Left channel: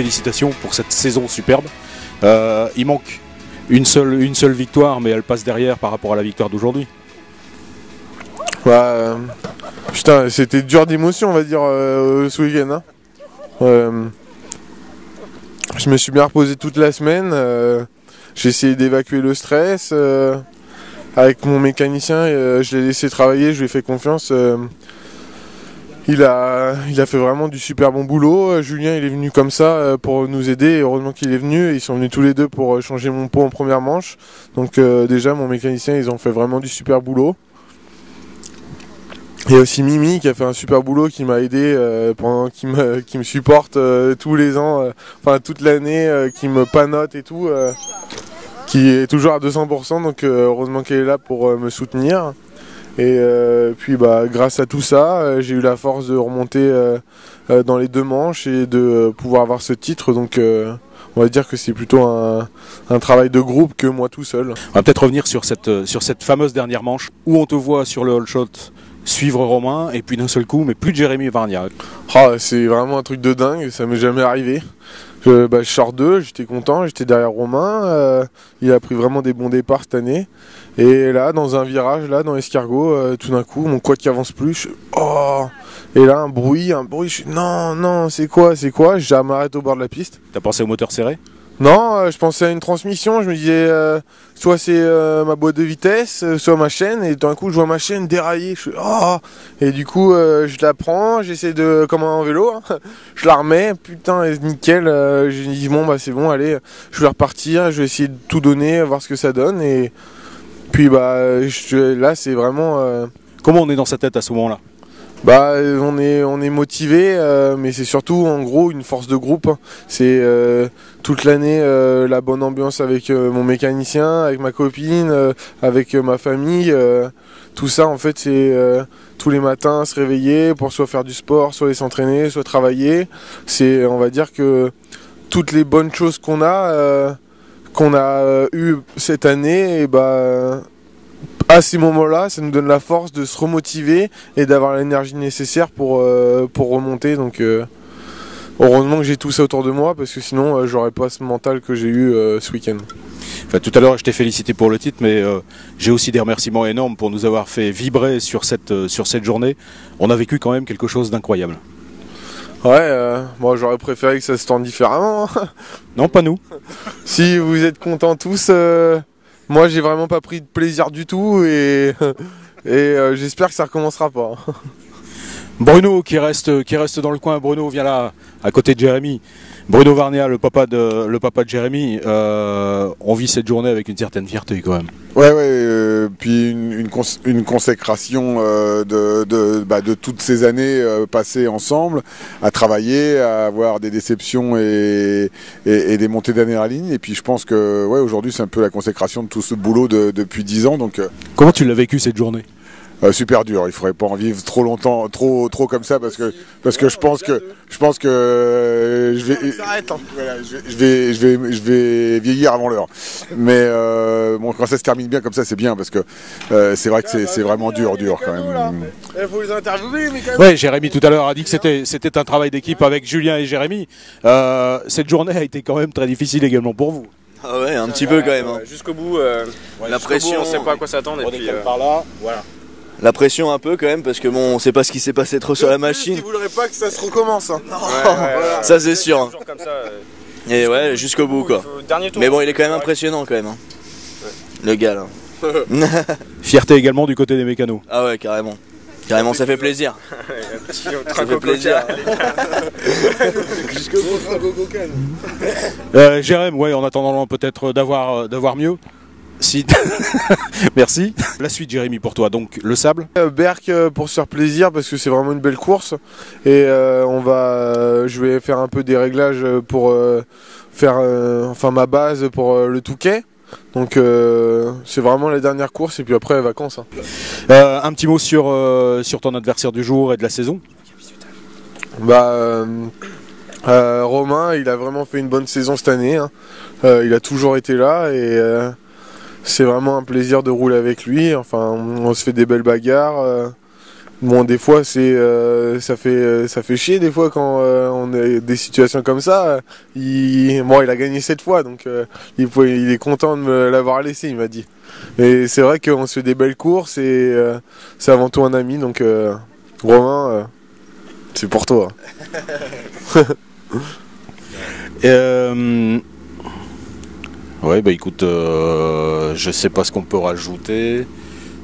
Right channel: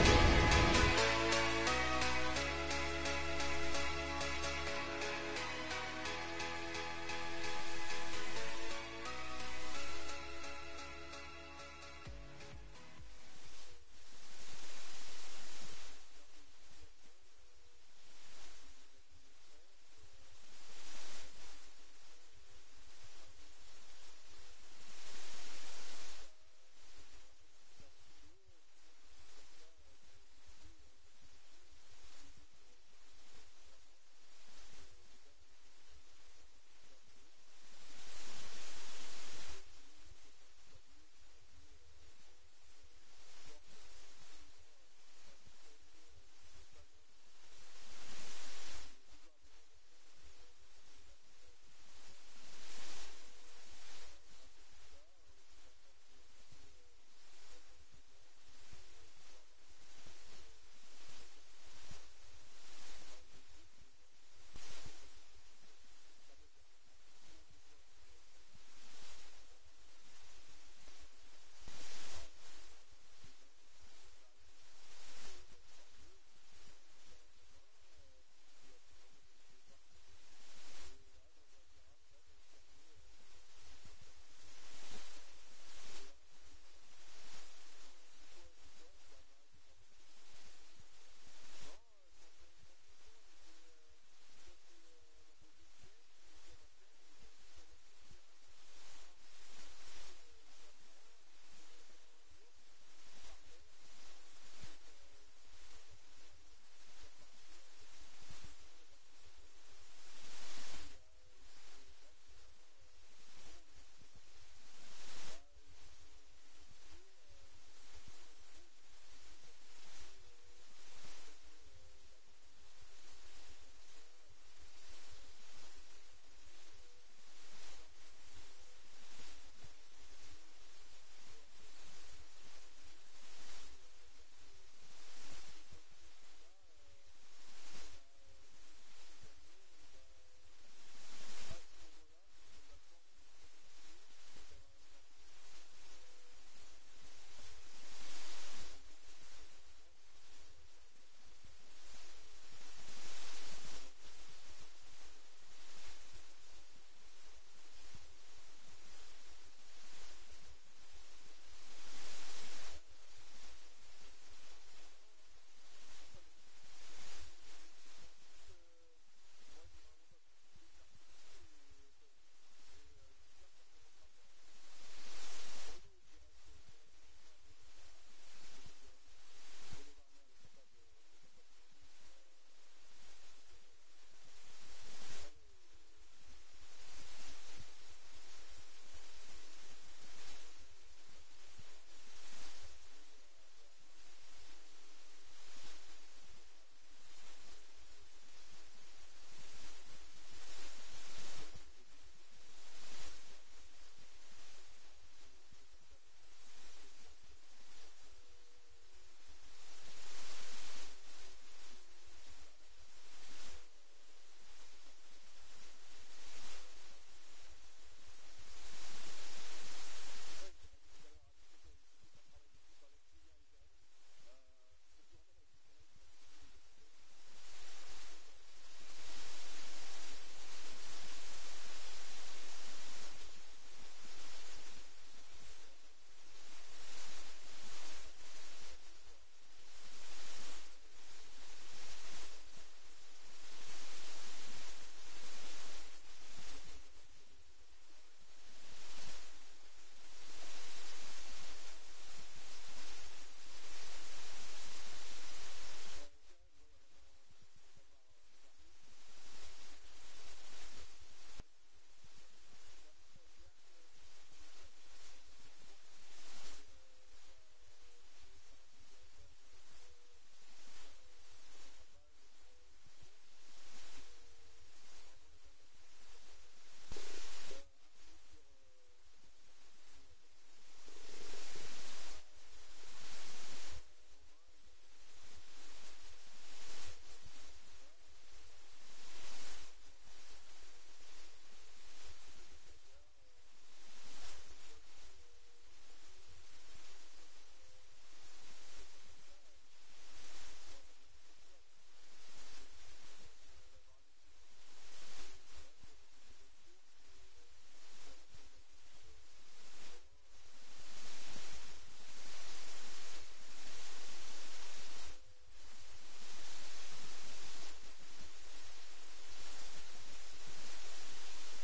félicitations pour cette saison superbe. Il manque une seule victoire, mais elle passe derrière par rapport à la victoire d'aujourd'hui. Putain, c'était dur d'émotion, on va dire, ce week-end. Je me suis bien reposé toute la semaine. J'ai essayé d'évacuer le stress. Avec mon mécanicien, je l'ai laissé travailler, je lui ai fait confiance. Il a fait vraiment du super bon boulot. Julien, il est venu comme ça pour nous aider. Et heureusement qu'il est venu. Ils sont venus tous les deux pour changer mon pot en première manche. Donc déjà, mon mécanicien, ils ont fait vraiment du super boulot. Il y a aussi Mimi qui a fait un super boulot, qui m'a aidé, qui me supporte tous les ans, toute l'année, qui me panote et tout, qui est toujours à 200%, donc heureusement qu'elle est là pour me soutenir. Et puis grâce à tout ça, j'ai eu la force de remonter dans les 2 manches et de pouvoir avoir ce titre, donc on va dire que c'est plutôt un travail de groupe que moi tout seul. On va peut-être revenir sur cette fameuse dernière manche où on te voit sur le all shot suivre Romain et puis d'un seul coup, mais plus de Jérémy Varnia. C'est vraiment un truc de dingue, ça m'est jamais arrivé. Je sors 2, j'étais content, j'étais derrière Romain, il a pris vraiment des bons départs cette année. Et là, dans un virage, là, dans l'escargot, tout d'un coup, mon quad qui avance plus, et là, un bruit, je suis non, c'est quoi, je m'arrête au bord de la piste. T'as pensé au moteur serré? Non, je pensais à une transmission, je me disais soit c'est ma boîte de vitesse, soit ma chaîne, et d'un coup je vois ma chaîne dérailler, je suis et du coup je la prends, j'essaie de, comme en vélo, je la remets, putain, nickel, je dis c'est bon, allez, je vais repartir, je vais essayer de tout donner, voir ce que ça donne, et puis là c'est vraiment... Comment on est dans sa tête à ce moment-là? On est motivé, mais c'est surtout en gros une force de groupe. C'est toute l'année la bonne ambiance avec mon mécanicien, avec ma copine, avec ma famille. Tout ça en fait c'est tous les matins se réveiller pour soit faire du sport, soit aller s'entraîner, soit travailler. C'est, on va dire que toutes les bonnes choses qu'on a eues cette année, à ces moments-là, ça nous donne la force de se remotiver et d'avoir l'énergie nécessaire pour remonter. Donc heureusement que j'ai tout ça autour de moi, parce que sinon j'aurais pas ce mental que j'ai eu ce week-end. Tout à l'heure je t'ai félicité pour le titre, mais j'ai aussi des remerciements énormes pour nous avoir fait vibrer sur cette journée. On a vécu quand même quelque chose d'incroyable. Moi j'aurais préféré que ça se tende différemment. Non, pas nous. Si vous êtes contents tous... Moi, j'ai vraiment pas pris de plaisir du tout et j'espère que ça recommencera pas. Bruno qui reste dans le coin. Bruno vient là, à côté de Jérémy. Bruno Varnia, le papa de Jérémy. On vit cette journée avec une certaine fierté quand même. Puis une consécration de toutes ces années passées ensemble, à travailler, à avoir des déceptions et des montées d'adrénaline. Et puis je pense que aujourd'hui c'est un peu la consécration de tout ce boulot depuis 10 ans. Donc, comment tu l'as vécu cette journée? Super dur, il faudrait pas en vivre trop longtemps, trop comme ça, parce que je pense que je vais vieillir avant l'heure. Mais quand ça se termine bien comme ça, c'est bien, parce que c'est vrai que c'est vraiment dur quand même. Il faut les interviewer, mais quand même. Ouais, Jérémy tout à l'heure a dit que c'était un travail d'équipe avec Julien et Jérémy. Cette journée a été quand même très difficile également pour vous. Ah ouais, un petit peu quand même. Jusqu'au bout, la pression, on sait pas à quoi s'attendre. On décolle par là, voilà. La pression un peu quand même, parce que on sait pas ce qui s'est passé trop sur la machine. Il voudrait pas que ça se recommence. Ça c'est sûr. Et jusqu'au bout quoi. Tour, mais bon, il est quand même impressionnant quand même. Le gars là. Fierté également du côté des mécanos. Ah ouais, carrément. Carrément, ça fait plaisir. Ça fait plaisir. Jusqu'au bout, Jérémy, en attendant peut-être d'avoir mieux. Si. Merci. La suite, Jérémy, pour toi, donc le sable. Berck pour se faire plaisir, parce que c'est vraiment une belle course. Et je vais faire un peu des réglages pour faire ma base pour le Touquet. Donc c'est vraiment la dernière course, et puis après vacances. Un petit mot sur ton adversaire du jour et de la saison. Romain, il a vraiment fait une bonne saison cette année. Il a toujours été là et c'est vraiment un plaisir de rouler avec lui. Enfin, on se fait des belles bagarres. Bon, des fois, ça fait chier des fois quand on a des situations comme ça. Bon, il a gagné 7 fois, donc il est content de me l'avoir laissé, il m'a dit. Mais c'est vrai qu'on se fait des belles courses et c'est avant tout un ami, donc Romain, c'est pour toi. Ouais, bah écoute, je sais pas ce qu'on peut rajouter.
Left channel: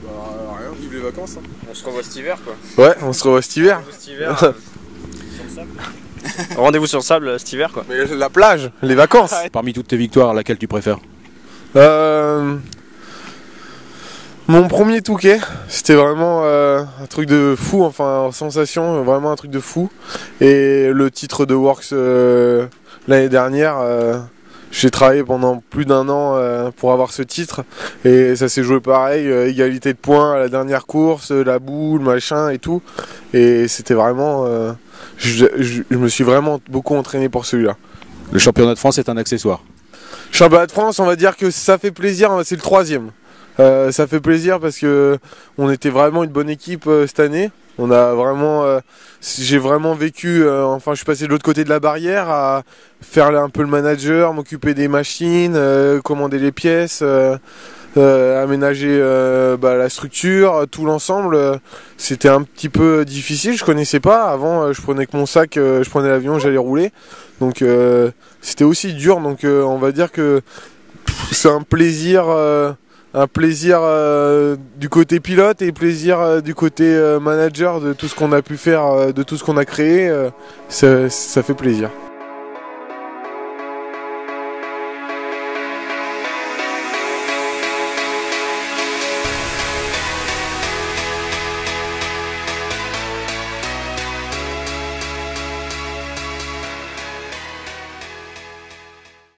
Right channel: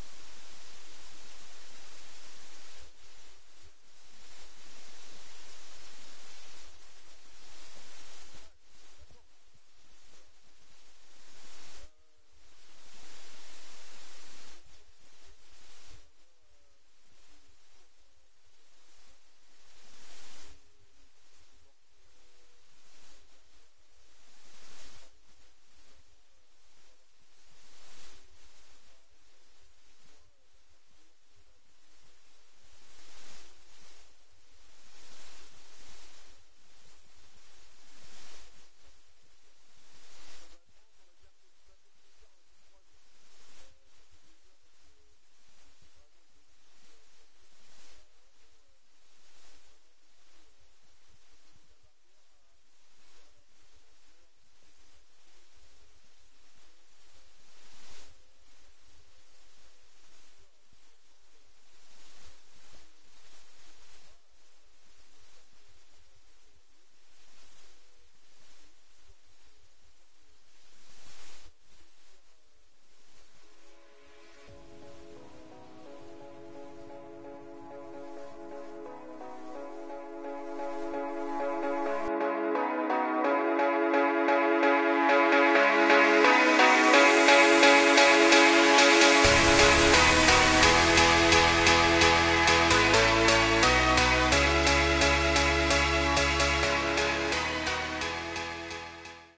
Rien, vive les vacances. Hein. On se revoit cet hiver quoi. Ouais, on se revoit cet hiver. Rendez-vous sur le sable cet hiver quoi. Mais la plage, les vacances. Parmi toutes tes victoires, laquelle tu préfères? Mon premier Touquet, c'était vraiment un truc de fou, enfin sensation, vraiment un truc de fou. Et le titre de Works l'année dernière, j'ai travaillé pendant plus d'1 an pour avoir ce titre. Et ça s'est joué pareil, égalité de points à la dernière course, la boule, machin et tout. Et c'était vraiment... je me suis vraiment beaucoup entraîné pour celui-là. Le championnat de France est un accessoire. Championnat de France, on va dire que ça fait plaisir, c'est le 3e. Ça fait plaisir parce que on était vraiment une bonne équipe cette année. On a vraiment, j'ai vraiment vécu. Enfin, je suis passé de l'autre côté de la barrière à faire un peu le manager, m'occuper des machines, commander les pièces, aménager la structure, tout l'ensemble. C'était un petit peu difficile. Je connaissais pas. Avant, je prenais que mon sac, je prenais l'avion, j'allais rouler. Donc, c'était aussi dur. Donc, on va dire que c'est un plaisir. Un plaisir du côté pilote et plaisir du côté manager de tout ce qu'on a pu faire, de tout ce qu'on a créé, ça fait plaisir.